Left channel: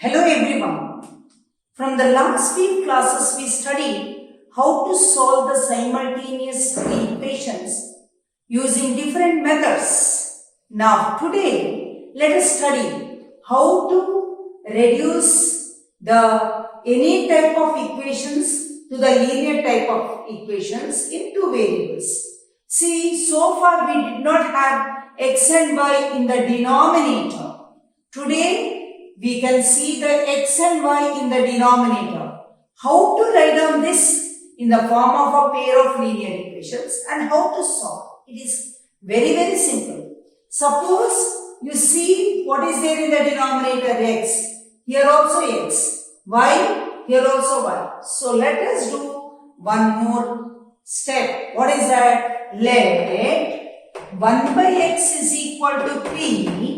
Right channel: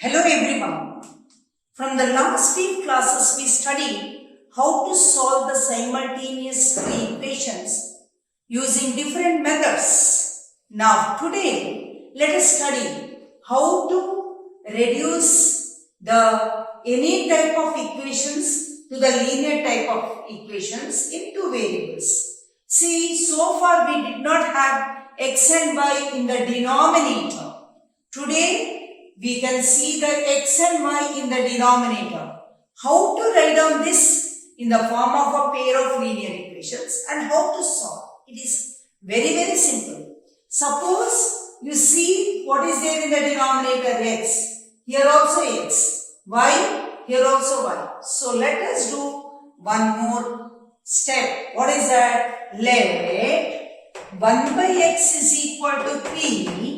Hello everyone. From the last few classes we studied how to solve the simultaneous equations using different methods. Now today let us study how to reduce any type of equations to the linear type of equations in two variables. See, so far we did not have x and y in the denominator. Today we can see the x and y in the denominator. How to write down this in the form of a pair of linear equations and how to solve. It is very simple. Suppose you see what is there in the denominator, x. Here also x. Y. Here also y. So let us do one more step. What is that? Let 1 by x is equal to p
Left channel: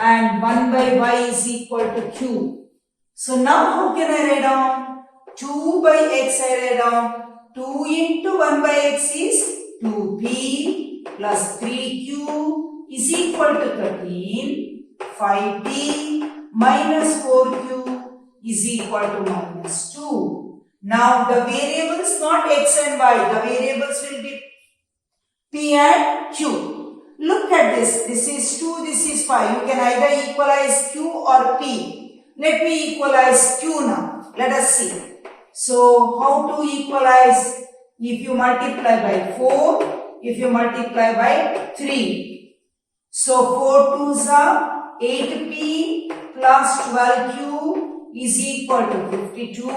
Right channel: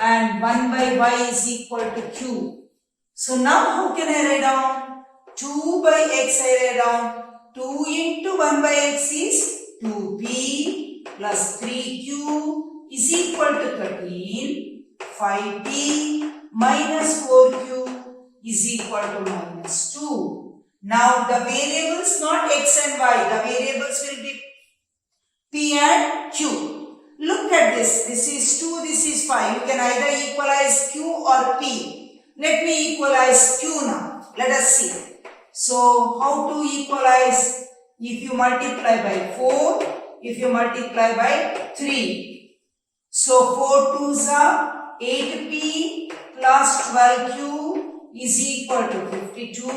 and 1 by y is equal to q. So now how can I write down? 2 by x I write down. 2 into 1 by x is 2p plus 3q is equal to 13. 5p minus 4q is equal to minus 2. Now the variables not x and y. The variables will be p and q. Look at this. This is 2, this is 5. You can either equalize q or p. Let me equalize q now. Let us see. So, how to equalize? If you multiply by 4, if you multiply by 3. So, 4 2s are 8p plus 12q is equal to 52.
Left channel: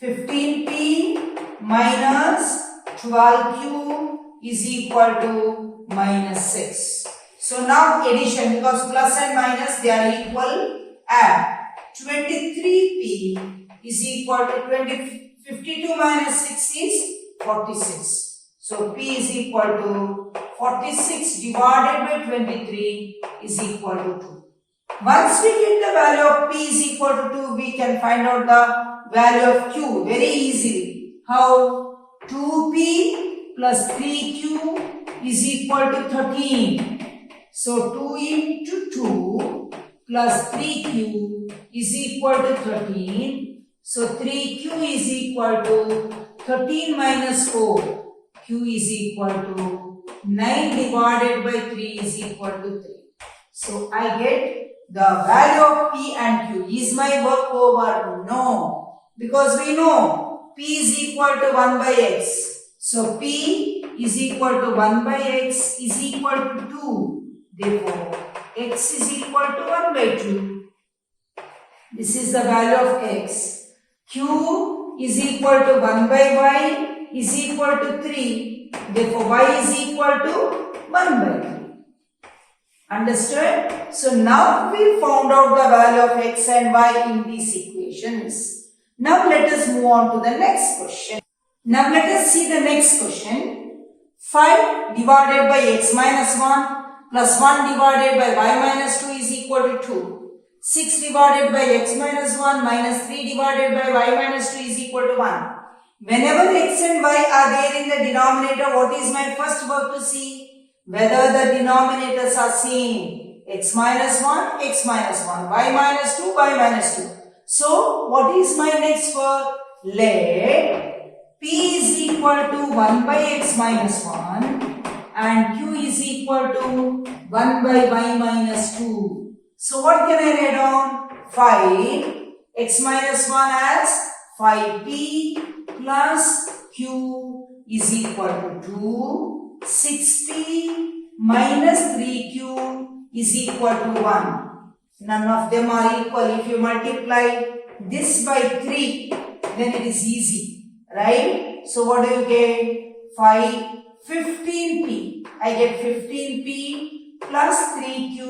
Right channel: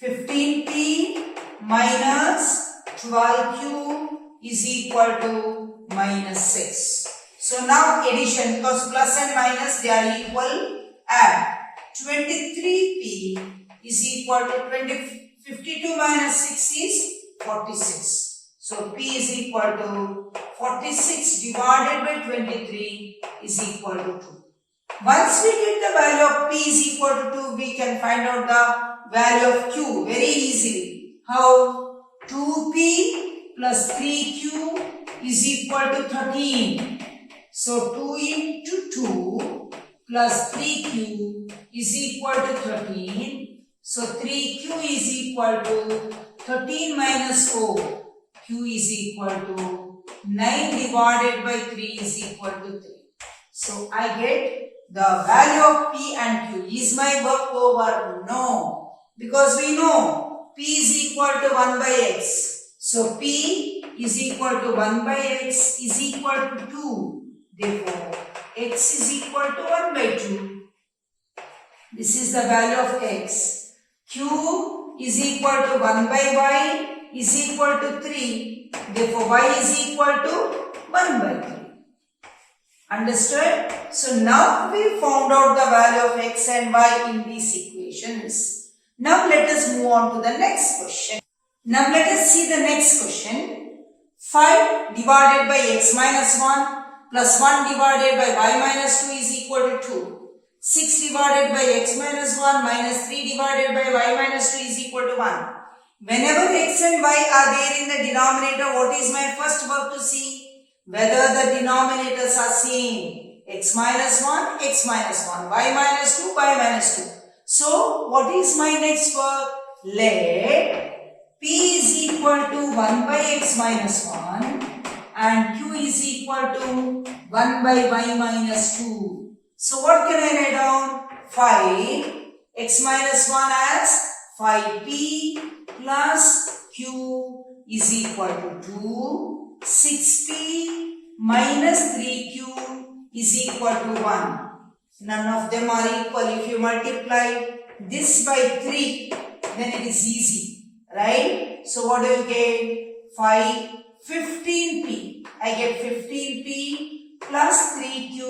15p minus 12q is equal to minus 6. So now addition, because plus and minus they are equal, add 23p is equal to 52 minus 6 is 46. So p is equal to 46 divided by 23 is equal to 2. Once we get the value of p is equal to 2, we can find out the value of q very easily. How? 2p plus 3q is equal to 13. So 2 into 2 plus 3q is equal to 13. So 3q is equal to 13 minus 4. Q is equal to 9 divided by 3 is equal to 3. So I get the value of p and q. Is my work over? No. Because we know p is equal to 1 by x. So p is equal to 1 by x is equal to 2. Therefore, x is equal to 1 by 2. This is the value of x. Q is equal to 1 by y is equal to 3. Therefore, y is equal to 1 by 3. Understood? So, now we found out the value of x and y in these equations. Now, let us move on to the next question. Now let us see the next question. 5 divided by x minus 1 plus 1 divided by y minus 2 is equal to 2. 6 divided by x minus 1 minus 3 divided by y minus 2 is equal to 1. Whenever x and y are there in the denominator, what is my first work to see? Whether the denominators are same. X minus 1, x minus 1. Y minus 2, y minus 2. So, what is my next work? Let p is equal to 1 by x minus 1 and q is equal to 1 by y minus 2. So what can I write down? 5 x minus 1 as 5p plus q is equal to 2. 6p minus 3q is equal to 1. None of them are equal. If you multiply this by 3, then it is easy. Right? So what do you get? 15p. I get 15p plus 3q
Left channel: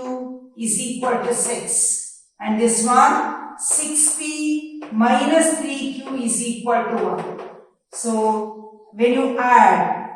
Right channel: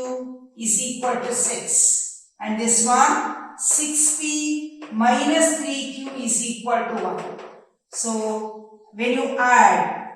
is equal to 6. And this one, 6p minus 3q is equal to 1. So when you add,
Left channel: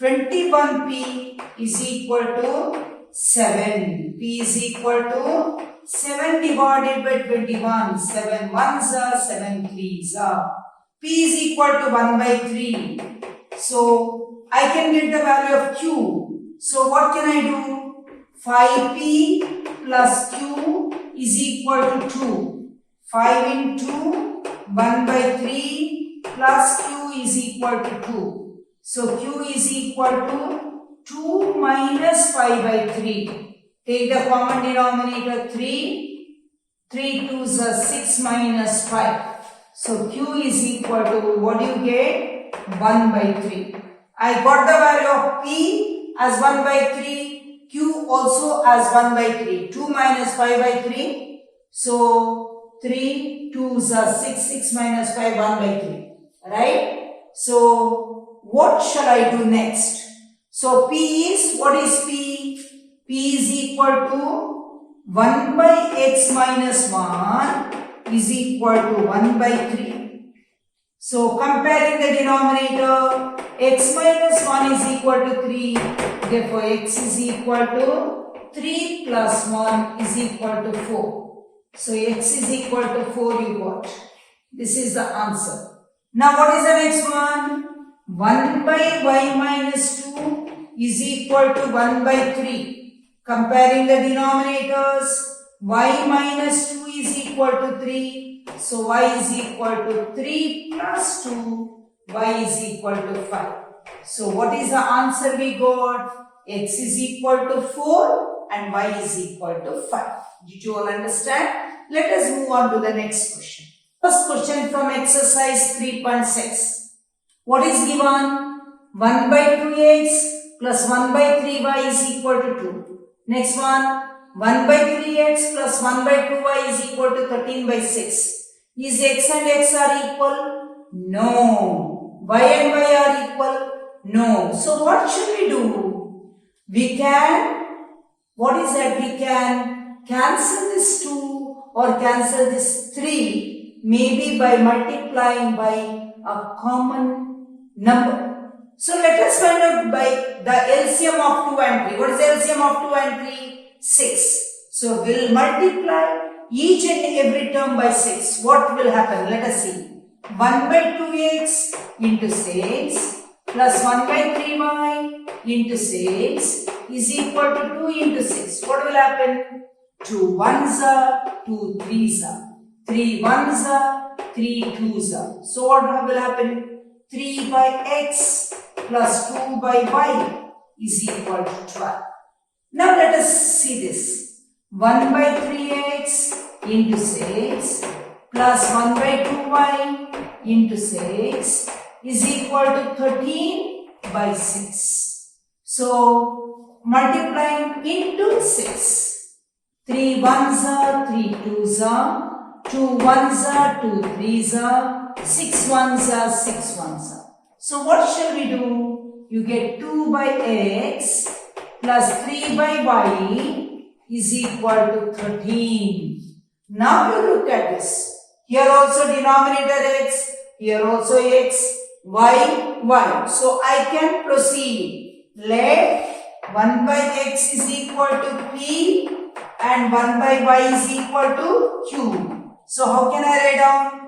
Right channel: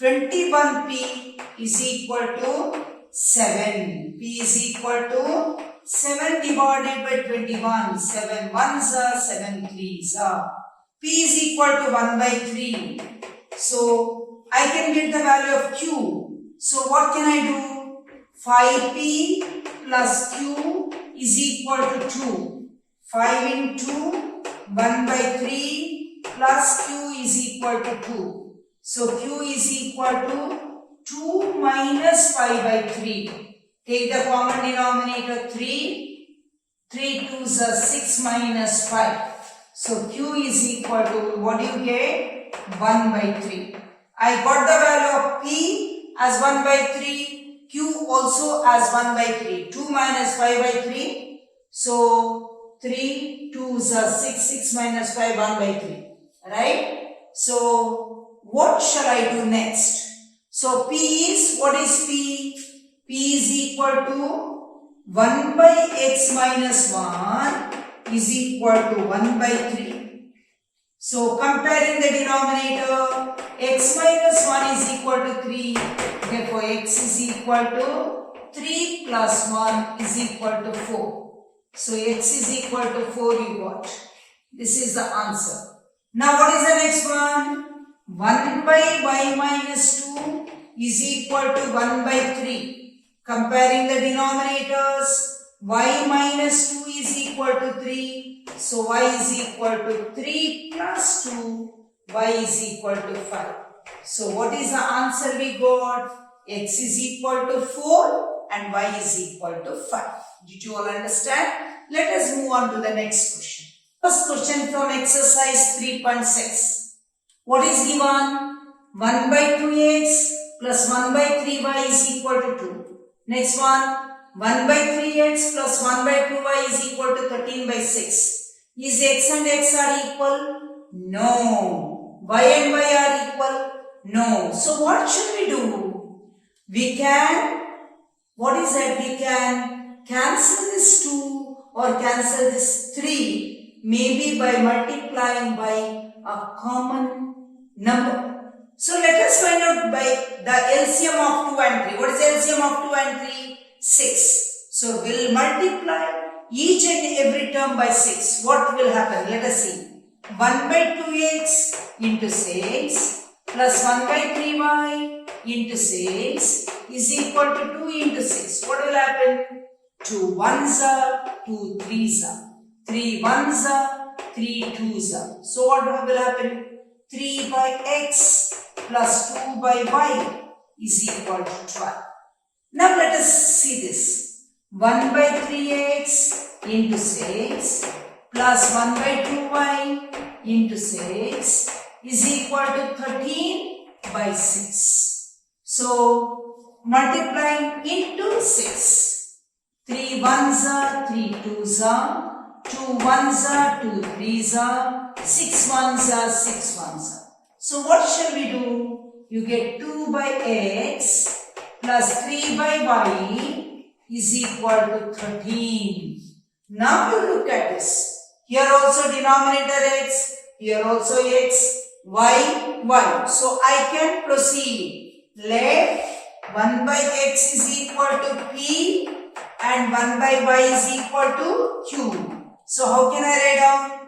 21p is equal to 7. P is equal to 7 divided by 21. 7 ones are, 7 threes are. P is equal to 1 by 3. So, I can get the value of q. So, what can I do? 5p plus q is equal to 2. 5 into 1 by 3 plus q is equal to 2. So q is equal to 2 minus 5 by 3. Take the common denominator 3. 3 2s are 6 minus 5. So q is equal to, what do you get? 1 by 3. I got the value of p as 1 by 3. Q also as 1 by 3. 2 minus 5 by 3. So 3 2s are 6. 6 minus 5, 1 by 3. Right? So what shall I do next? So P is, what is P? P is equal to 1 by x minus 1 is equal to 1 by 3. So comparing the denominator, x minus 1 is equal to 3. Therefore x is equal to 3 plus 1 is equal to 4. So x is equal to 4 you got. This is the answer. Now what is the next one? 1 by y minus 2 is equal to 1 by 3. Comparing the denominators, y minus 2 is equal to 3. So y is equal to 3 plus 2, y is equal to 5. So what is the answer we got? X is equal to 4 and y is equal to 5. Did you all understand? Let us move on to the next question. First question from exercise 3.6. What is given? 1 by 2x plus 1 by 3y is equal to 2. Next one, 1 by 3x plus 1 by 2y is equal to 13 by 6. Is x and x are equal? No. Y and y are equal? No. So what should we do? We can, what is that? We can cancel this 2 or cancel this 3 maybe by multiplying by a common number. So let us find out by the LCM of 2 and 3. What is the LCM of 2 and 3? 6. So we'll multiply each and every term by 6. What will happen? Let us see. 1 by 2x into 6 plus 1 by 3y into 6 is equal to 2 into 6. What will happen? 2 1s are, 2 3s are, 3 1s are, 3 2s are. So what will happen? 3 by x plus 2 by y is equal to 12. Now let us see this. 1 by 3x into 6 plus 1 by 2y into 6 is equal to 13 by 6. So multiplying into 6. 3 1s are, 3 2s are, 2 1s are, 2 3s are, 6 1s are, 6 1s are. So what shall we do? You get 2 by x plus 3 by y is equal to 13. Now you look at this. Here also denominator x, here also x, y, y. So I can proceed. Let 1 by x is equal to p and 1 by y is equal to q. So how can I write down?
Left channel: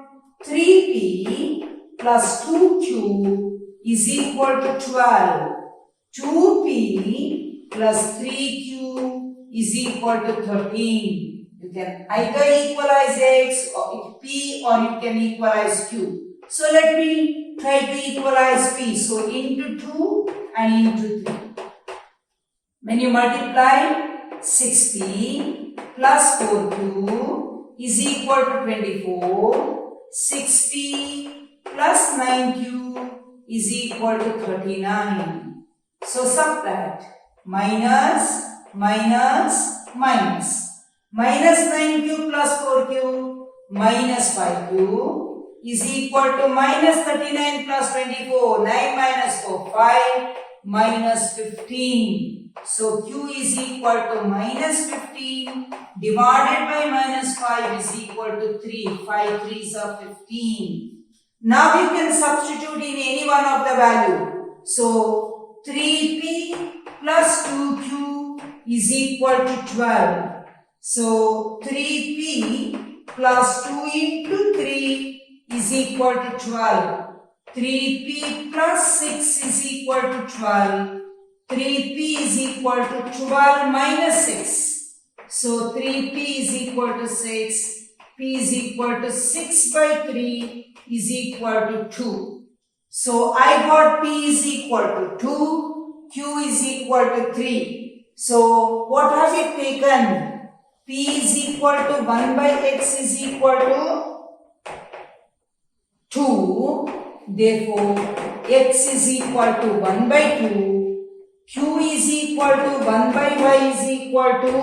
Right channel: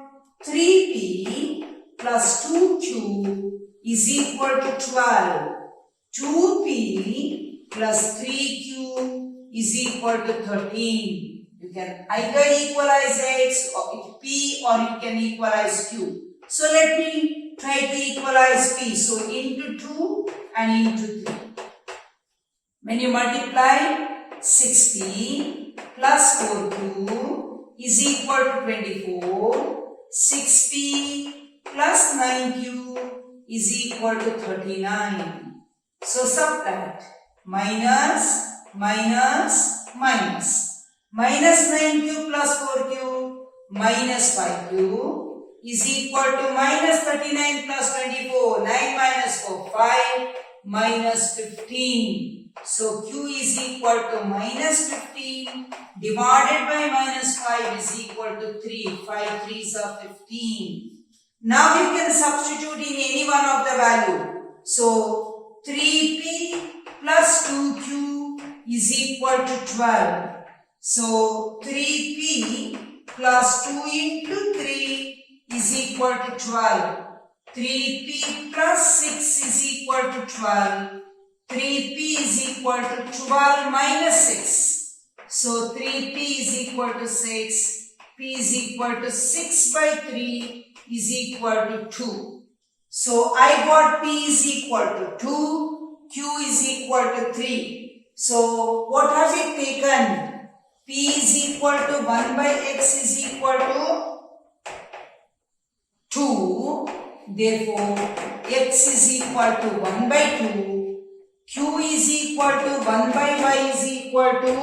3p plus 2q is equal to 12. 2p plus 3q is equal to 13. You can either equalize x or p or you can equalize q. So let me try to equalize p. So into 2 and into 3. When you multiply 6p plus 4q is equal to 24. 6p plus 9q is equal to 39. So subtract minus minus minus. Minus 9q plus 4q minus 5q is equal to minus 39 plus 24. 9 minus 4, 5 minus 15. So q is equal to minus 15 divided by minus 5 is equal to 3. 5 3s are 15. Now you can substitute in any one of the value. So 3p plus 2q is equal to 12. So 3p plus 2 into 3 is equal to 12. 3p plus 6 is equal to 12. 3p is equal to 12 minus 6. So 3p is equal to 6. P is equal to 6 by 3 is equal to 2. So I got P is equal to 2, Q is equal to 3. So what have we taken? P is equal to 1 by x is equal to 2. Therefore, x is equal to 1 by 2. Q is equal to 1 by y is equal to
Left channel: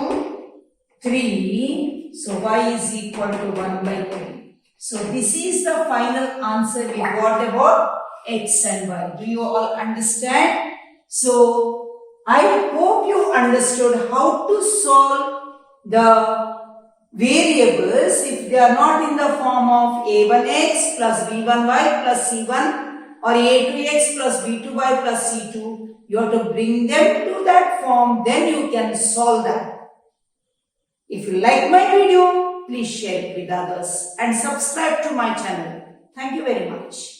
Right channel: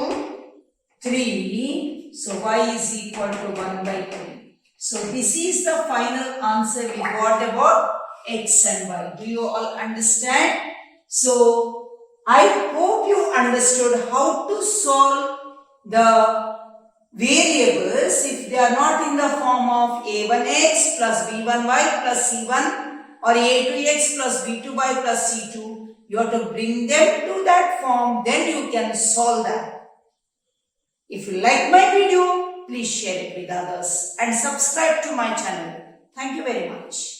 3. So, y is equal to 1 by 3. So, this is the final answer we got about x and y. Do you all understand? So, I hope you understood how to solve the variables if they are not in the form of a1x plus b1y plus c1 or a2x plus b2y plus c2. You have to bring them to that form, then you can solve that. If you like my video, please share it with others and subscribe to my channel. Thank you very much.